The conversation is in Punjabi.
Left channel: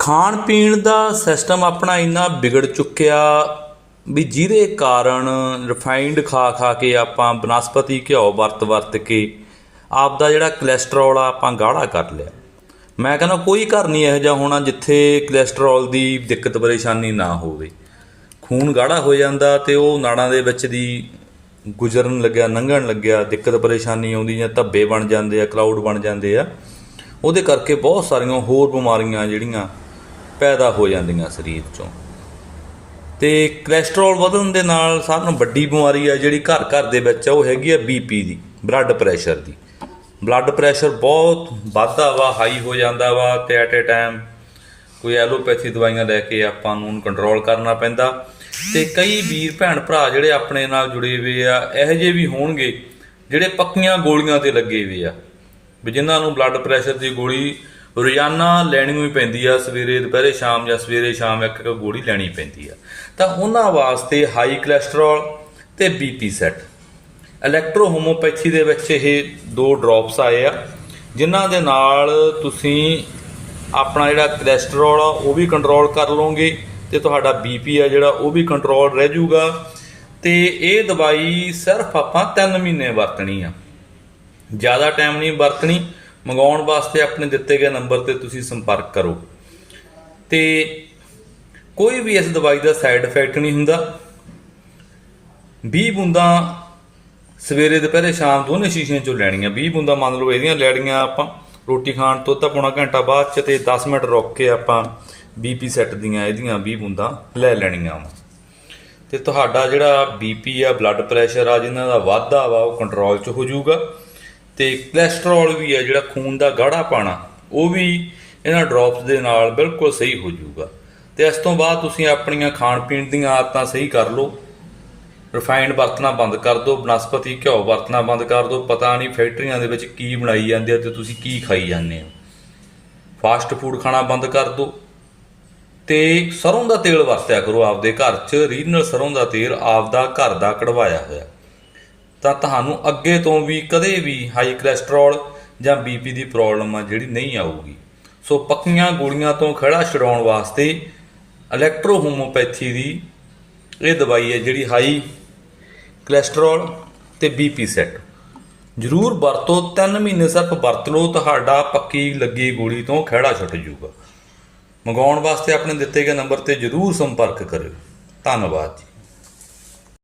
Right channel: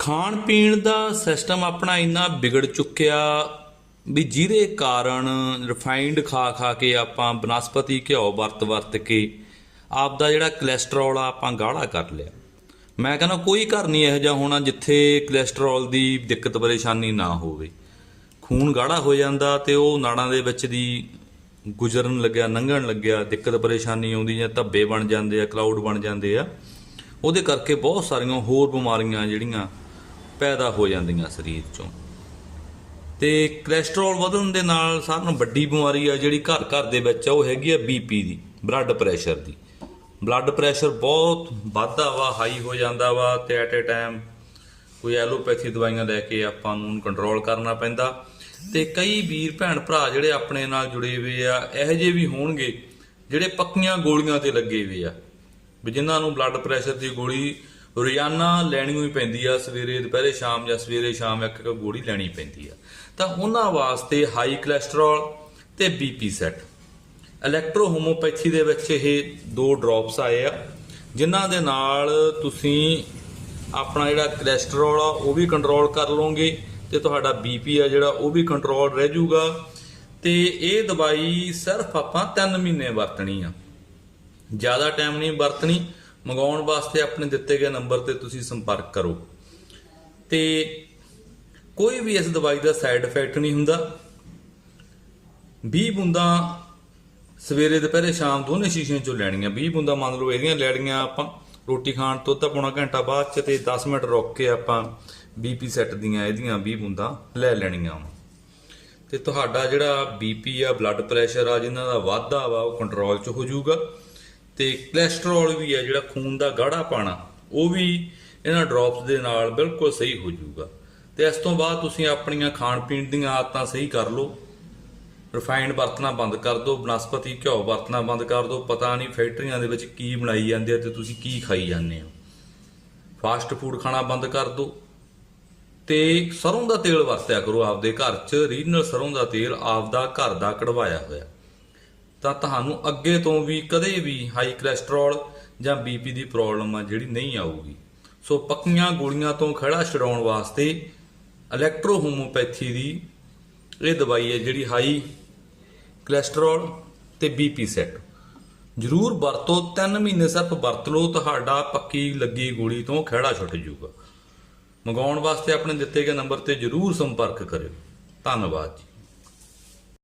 ਖਾਣ ਪੀਣ ਦਾ ਸਿਸਟਮ ਆਪਣਾ ਇੰਨਾ ਵਿਗੜ ਚੁੱਕਿਆ ਵੀ ਜਿਹਦੇ ਕਾਰਨ ਰਿਫਾਈਨਡ ਖਾ ਖਾ ਕੇ ਆਪਾਂ ਬਨਸਪਤੀ ਘਿਓ ਵਰਤ ਵਰਤ ਕੇ ਆਪ ਦਾ ਜਿਹੜਾ ਕੋਲੇਸਟ੍ਰੋਲ ਆ ਆਪਾਂ ਗਾੜਾ ਕਰ ਲਿਆ। ਮੈਂ ਕਹਿੰਦਾ ਕੋਈ ਘਰ ਨਹੀਂ ਇਹੋ ਜਿਹਾ ਹੋਣਾ ਜਿੱਥੇ ਕੋਲੇਸਟ੍ਰੋਲ ਦੀ ਦਿੱਕਤ ਪਰੇਸ਼ਾਨੀ ਨਾ ਹੋਵੇ। ਖੂਨ ਗਾੜਾ ਹੋ ਜਾਂਦਾ ਤੇ ਉਹ ਨਾੜਾਂ ਦੇ ਵਿੱਚ ਦੀ ਗੁਜ਼ਰਨ ਲੱਗਿਆ ਲੰਘਣ ਲੱਗਿਆ, ਦਿੱਕਤ ਪਰੇਸ਼ਾਨੀ ਆਉਂਦੀ ਜਾਂ ਧੱਬੇ ਬਣ ਜਾਂਦੇ ਆ ਕਲਾਊਡ ਬਣ ਜਾਂਦੇ ਆ। ਉਹਦੇ ਕਰਕੇ ਬਹੁਤ ਸਾਰੀਆਂ ਹੋਰ ਬਿਮਾਰੀਆਂ ਜਿਹੜੀਆਂ ਪੈਦਾ ਹੋ ਜਾਂਦੀਆਂ ਸਰੀਰ 'ਚੋਂ। ਤੇ ਕੋਲੇਸਟ੍ਰੋਲ ਵਧਣ ਦੇ ਨਾਲ ਸਾਰਿਆਂ ਨਾਲੋਂ ਵੱਡੀ ਬਿਮਾਰੀ ਆ ਜਿਹੜੀ ਘਰ ਘਰ ਦੇ ਵਿੱਚ ਆ, ਉਹ ਹੈਗੀ ਆ ਬੀਪੀ ਦੀ ਬਲੱਡ ਪ੍ਰੈਸ਼ਰ ਦੀ। ਬਲੱਡ ਪ੍ਰੈਸ਼ਰ ਬਹੁਤ ਵੱਧਦਾ ਵਾ ਹਾਈ ਹੋ ਜਾਂਦਾ ਵਾ, ਤੇ ਐਟ ਏ ਟਾਈਮ ਕੋਈ ਐਲੋਪੈਥੀ ਦਵਾਈਆਂ ਲੈ ਕੇ ਆਪਾਂ ਨੂੰ ਕੰਟਰੋਲ ਕਰਨਾ ਪੈਂਦਾ। ਤੇ ਕਈ ਵੀਰ ਭੈਣ ਭਰਾ ਜਿਹੜੇ ਆਪਣੇ ਨਾਲ ਜੁੜੇ ਹੋਏ ਆ, ਇਹੋ ਜਿਹੇ ਵੀ ਹੋਣਗੇ ਜਿਹੜੇ ਪੱਕੀਆਂ ਗੋਲੀਆਂ ਤੇ ਲੱਗੇ ਹੋਏ ਆ, ਵੀ ਜਿਨ੍ਹਾਂ ਨੂੰ ਬਲੱਡ ਪ੍ਰੈਸ਼ਰ ਦੀ ਗੋਲੀ ਰੋਜ਼ਾਨਾ ਲੈਣੀ ਹੀ ਪੈਂਦੀ ਆ, ਸਵੇਰੇ, ਦੁਪਹਿਰੇ, ਸ਼ਾਮ ਜਾਂ ਸਵੇਰੇ ਸ਼ਾਮ ਇੱਕ ਇੱਕ ਗੋਲੀ ਲੈਣੀ ਪੈਂਦੀ ਆ। ਤਾਂ ਉਹਨਾਂ ਵਾਸਤੇ ਹਾਈ ਕੋਲੇਸਟ੍ਰੋਲ ਤੇ ਬੀਪੀ ਸੈੱਟ ਇਲੈਕਟ੍ਰੋ ਹੋਮੋਪੈਥੀ ਦੇ ਵਿੱਚ ਇਹ ਦੋ ਡ੍ਰੌਪਸ ਆਏ ਆ, ਜਿਨ੍ਹਾਂ ਦੇ ਨਾਲ ਤੁਸੀਂ ਆਪਣਾ ਜਿਹੜਾ ਕੋਲੇਸਟ੍ਰੋਲ ਆ, ਉਹ ਵੀ ਕੰਟਰੋਲ ਕਰ ਲਓਗੇ ਤੇ ਤੁਹਾਡਾ ਬੀਪੀ ਆ ਜਿਹੜਾ, ਉਹ ਵੀ ਕੰਟਰੋਲ ਰਹਿ ਜਾਊਗਾ। ਤੇ ਇਹ ਦਵਾਈ ਸਿਰਫ ਆਪਾਂ 3 ਮਹੀਨੇ ਵਰਤਣੀ ਆ। ਜ਼ਿਆਦਾ ਟਾਈਮ ਨਹੀਂ ਵਰਤਣੀ। ਮੰਗਾਉਣ ਵਾਸਤੇ ਆਪਣੇ ਦਿੱਤੇ ਗਏ ਨੰਬਰ ਤੇ ਤੁਸੀਂ ਸੰਪਰਕ ਕਰੋ। ਤੇ ਕੋਈ ਵੀ ਇਸ ਦਵਾਈ ਦਾ ਸਾਈਡ ਇਫੈਕਟ ਨਹੀਂ ਹੁੰਦਾ। 20 ਬੂੰਦਾਂ ਸਵੇਰੇ, ਦੁਪਹਿਰੇ, ਸ਼ਾਮ ਦੋਨੇ ਸ਼ੀਸ਼ਿਆਂ ਚੋਂ ਲੈਣੀਆਂ। 20 ਬੂੰਦਾਂ ਮੰਨ ਲਓ ਇਹਦੀਆਂ ਲੈਣੀਆਂ ਆਪਾਂ। ਰੋਟੀ ਖਾਣ ਤੋਂ ਤਾਂ ਪੌਣਾ ਘੰਟਾ ਬਾਅਦ ਚ ਤੇ 10 ਮਿੰਟ ਰੁਕ ਕੇ ਆਪਾਂ ਬੀਪੀ ਸੈੱਟ ਦੀਆਂ ਇਹਦੀਆਂ 20 ਬੂੰਦਾਂ ਲੈ ਲੈਣੀਆਂ ਵਾ। ਤੇ ਤੁਹਾਡਾ ਜਿਹੜਾ ਬੀਪੀ ਆ ਬਲੱਡ ਪ੍ਰੈਸ਼ਰ ਆ, ਜਿਨ੍ਹਾਂ ਦਾ ਵਾਧਾ ਵਾ, ਉਹ ਕੰਟਰੋਲ 'ਚ ਹੋ ਜਾਊਗਾ। ਤੇ ਕੋਲੇਸਟ੍ਰੋਲ ਵੀ ਹੈ ਜਿਹੜਾ ਖੂਨ ਦਾ ਗਾੜਾ ਪਾਣਾ, ਉਹ ਵੀ ਇਹਨਾਂ ਡ੍ਰੌਪਸ ਦੇ ਨਾਲ ਬਿਲਕੁਲ ਸਹੀ ਹੋ ਜਾਊਗਾ। ਤੇ ਇਸ ਤੋਂ ਬਾਅਦ ਤੁਸੀਂ ਆਪਣੀਆਂ ਖਾਣ ਪੀਣ ਦੀਆਂ ਆਦਤਾਂ ਸਹੀ ਕਰ ਲਓ। ਰਿਫਾਈਨਡ ਵਰਤਣਾ ਬੰਦ ਕਰ ਦਿਓ ਬਨਸਪਤੀ ਘਿਓ ਵਰਤਣਾ ਬੰਦ ਕਰ ਦਿਓ ਪਤਾ ਨਹੀਂ ਫੈਕਟਰੀਆਂ ਦੇ ਵਿੱਚ ਕੀ ਬਣਾਈ ਜਾਂਦੇ ਆ ਤੇ ਤੁਸੀਂ ਕੀ ਖਾਈ ਜਾਂਦੇ ਹੋ। ਫਾਸਟ ਫੂਡ ਖਾਣਾ ਬੰਦ ਕਰ ਦਿਓ ਤੇ ਸਰੋਂ ਦਾ ਤੇਲ ਵਰਤਿਆ ਕਰੋ ਆਪਦੇ ਘਰ 'ਚ। ਰੀਜਨਲ ਸਰੋਂ ਦਾ ਤੇਲ ਆਪਦਾ ਘਰ ਦਾ ਕਢਵਾਇਆ ਹੋਇਆ। ਤਾਂ ਤੁਹਾਨੂੰ ਅੱਗੇ ਤੋਂ ਵੀ ਕਦੇ ਵੀ ਹਾਈ ਕੋਲੇਸਟ੍ਰੋਲ ਜਾਂ ਬੀਪੀ ਦੀ ਪ੍ਰੋਬਲਮ ਆ ਜਿਹੜੀ ਨਹੀਂ ਆਊਗੀ। ਸੋ ਪੱਕੀਆਂ ਗੋਲੀਆਂ ਤੋਂ ਖੜਾ ਛਡਾਉਣ ਵਾਸਤੇ ਇਲੈਕਟ੍ਰੋਹੋਮੋਪੈਥੀ ਦੀ ਇਹ ਦਵਾਈ ਹੈ ਜਿਹੜੀ ਹਾਈ ਕੋਲੇਸਟ੍ਰੋਲ ਤੇ ਬੀਪੀ ਸੈੱਟ ਜ਼ਰੂਰ ਵਰਤੋ 3 ਮਹੀਨੇ ਸਿਰਫ ਵਰਤ ਲਓ, ਤੁਹਾਡਾ ਪੱਕੀ ਲੱਗੀ ਗੋਲੀ ਤੋਂ ਖਹਿੜਾ ਛੁੱਟ ਜਾਊਗਾ। ਮੰਗਾਉਣ ਵਾਸਤੇ ਆਪਣੇ ਦਿੱਤੇ ਗਏ ਨੰਬਰ ਤੇ ਜ਼ਰੂਰ ਸੰਪਰਕ ਕਰਿਓ। ਧੰਨਵਾਦ ਜੀ।